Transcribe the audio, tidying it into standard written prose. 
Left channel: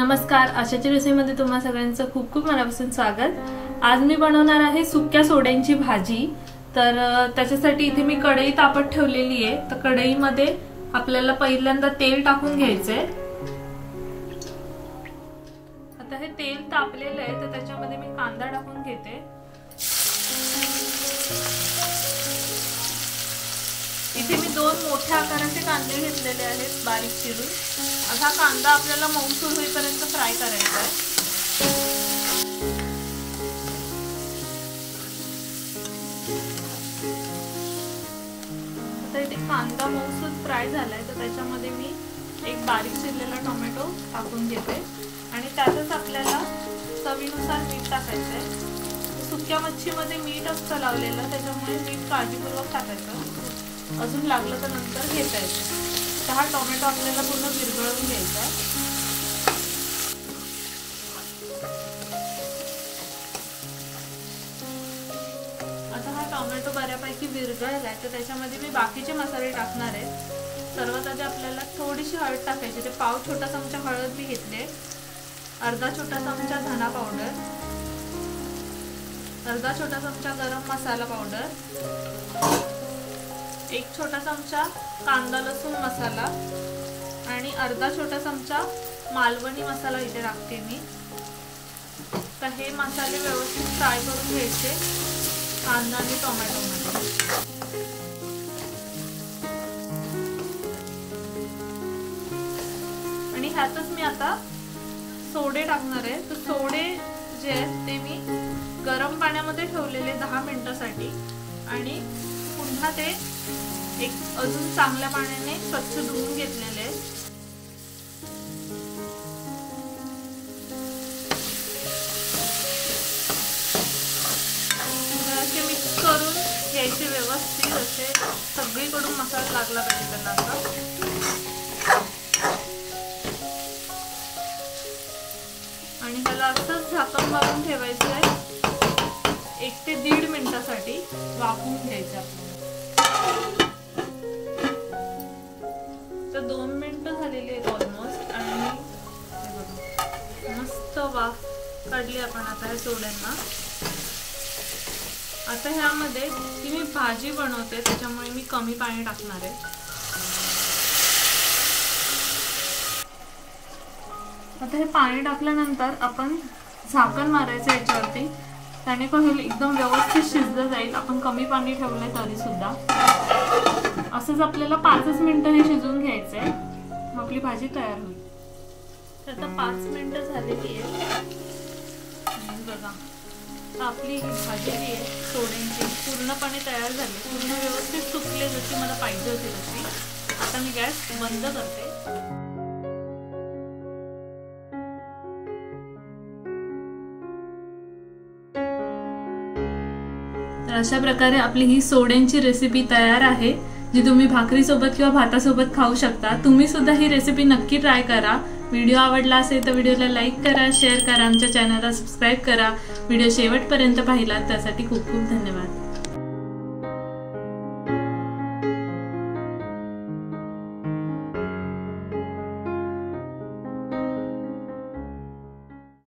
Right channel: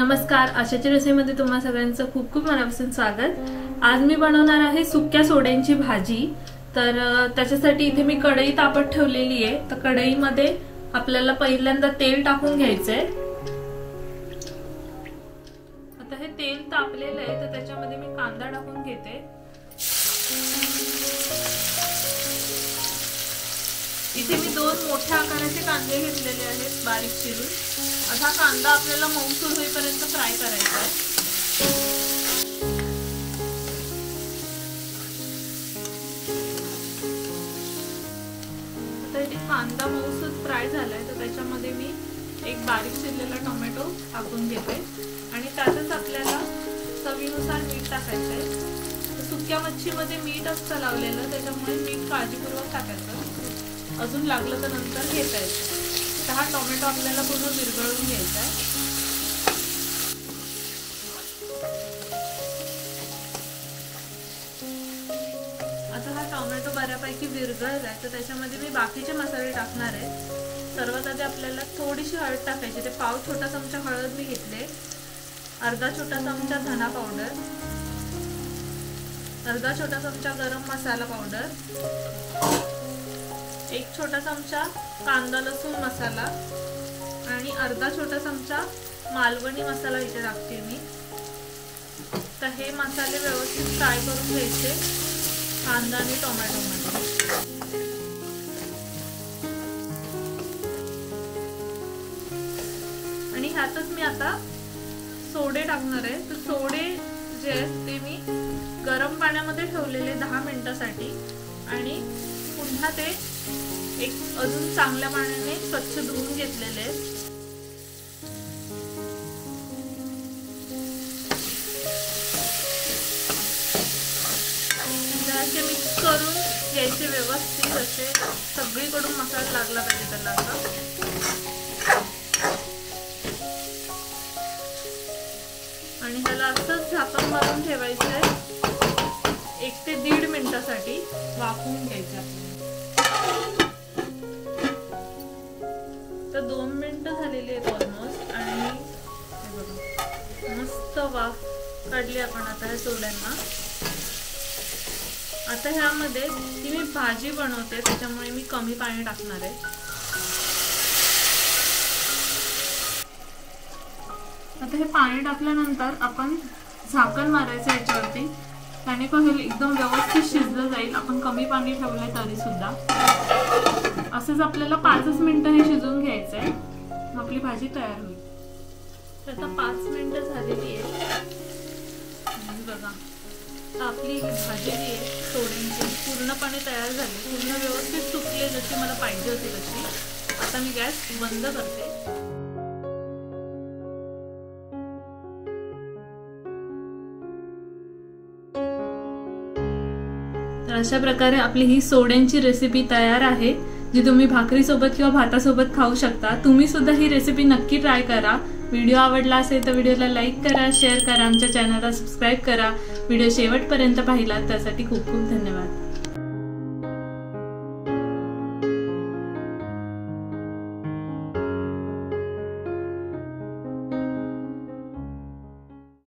नमस्कार, आशाची रेसिपीमध्ये तुम्हा सगळ्यांचं खूप खूप मनापासून स्वागत। आज मी बनवणार आहे सुक्या सोड्यांची भाजी। तर त्याच्यासाठी इथे मी कढई तापत ठेवलेली आहे। तर कढईमध्ये आपल्याला पहिल्यांदा तेल टाकून घ्यायचंय। आता हे तेल तापलेलं आहे तर त्याच्यामध्ये मी कांदा टाकून घेते। इथे मी दोन मोठ्या आकाराचे कांदे घेतलेले आहेत बारीक चिरून। आता कांदा आपल्याला मऊसूर होईपर्यंत फ्राय करायचा आहे। तर इथे कांदा मऊसूर फ्राय झालाय तर त्याच्यामध्ये मी एक बारीक चिरलेला टोमॅटो टाकून घेते आणि त्यातच आपल्याला चवीनुसार मीठ टाकायचं आहे। सुक्या मच्छीमध्ये मीठ असतं लावलेलं, त्याच्यामुळे मीठ काळजीपूर्वक टाकायचं। अजून लागलं तर नंतर घेतायचं। हा टोमॅटो आपल्याला पूर्ण विरघळून घ्यायचा। आता हा टोमॅटो बऱ्यापैकी विरघळलाय तर त्याच्यामध्ये मी बाकीचे मसाले टाकणार आहे। सर्वात आधी आपल्याला थोडीशी हळद टाकायची। ते पाव छोटा चमचा हळद मी घेतले, अर्धा छोटा चमचा धना पावडर, अर्धा छोटा चमचा गरम मसाला पावडर, एक छोटा चमचा कांदा लसूण मसाला आणि अर्धा छोटा चमचा मालवणी मसाला इथे टाकते मी। तर हे मसाले व्यवस्थित फ्राय करून घ्यायचे कांदा आणि टोमॅटो मध्ये। आणि ह्यातच मी आता सोडे टाकणार आहे। तर सोडे जे आहेत ते मी गरम पाण्यामध्ये ठेवलेले 10 मिनिटांसाठी आणि पुन्हा ते एक अजून चांगल्या पाण्याने स्वच्छ धुवून घेतलेले। असे मिक्स करून घ्यायचे व्यवस्थित, असे सगळीकडून मसाला लागला पाहिजे त्याला। आणि त्याला असंच झाकण मारून ठेवायचं 1 ते 1.5 मिनिटासाठी वाफवून घ्यायचे आपल्याला। तर 2 मिनिटं झालेली आहेत ऑलमोस्ट आणि मस्त वाफ काढली आपण आता या सोड्यांना। आता ह्यामध्ये ती मी भाजी बनवते त्याच्यामुळे मी कमी पाणी टाकणार आहे। आता हे पाणी टाकल्यानंतर आपण झाकण मारायचं याच्यावरती, त्याने कसं एकदम व्यवस्थित शिजलं जाईल। आपण कमी पाणी ठेवलंय तरी सुद्धा असंच आपल्याला 5 मिनिटं हे शिजवून घ्यायचंय, मग आपली भाजी तयार होईल। तर 5 मिनिटं झालेली आहे बघा। आपली भाजी जी आहे सोड्यांची पूर्णपणे तयार झाली, पूर्ण व्यवस्थित सुकली जशी मला पाहिजे होती तशी। आता मी गॅस बंद करते। तर अशा प्रकारे आपली ही सोड्यांची रेसिपी तयार आहे, जी तुम्ही भाकरी सोबत किंवा भातासोबत खाऊ शकता। तुम्ही सुद्धा ही रेसिपी नक्की ट्राय करा। व्हिडिओ आवडला असेल तर व्हिडिओला लाईक करा, शेअर करा, आमच्या चॅनलला सबस्क्राईब करा। व्हिडिओ शेवटपर्यंत पाहिला त्यासाठी खूप खूप धन्यवाद।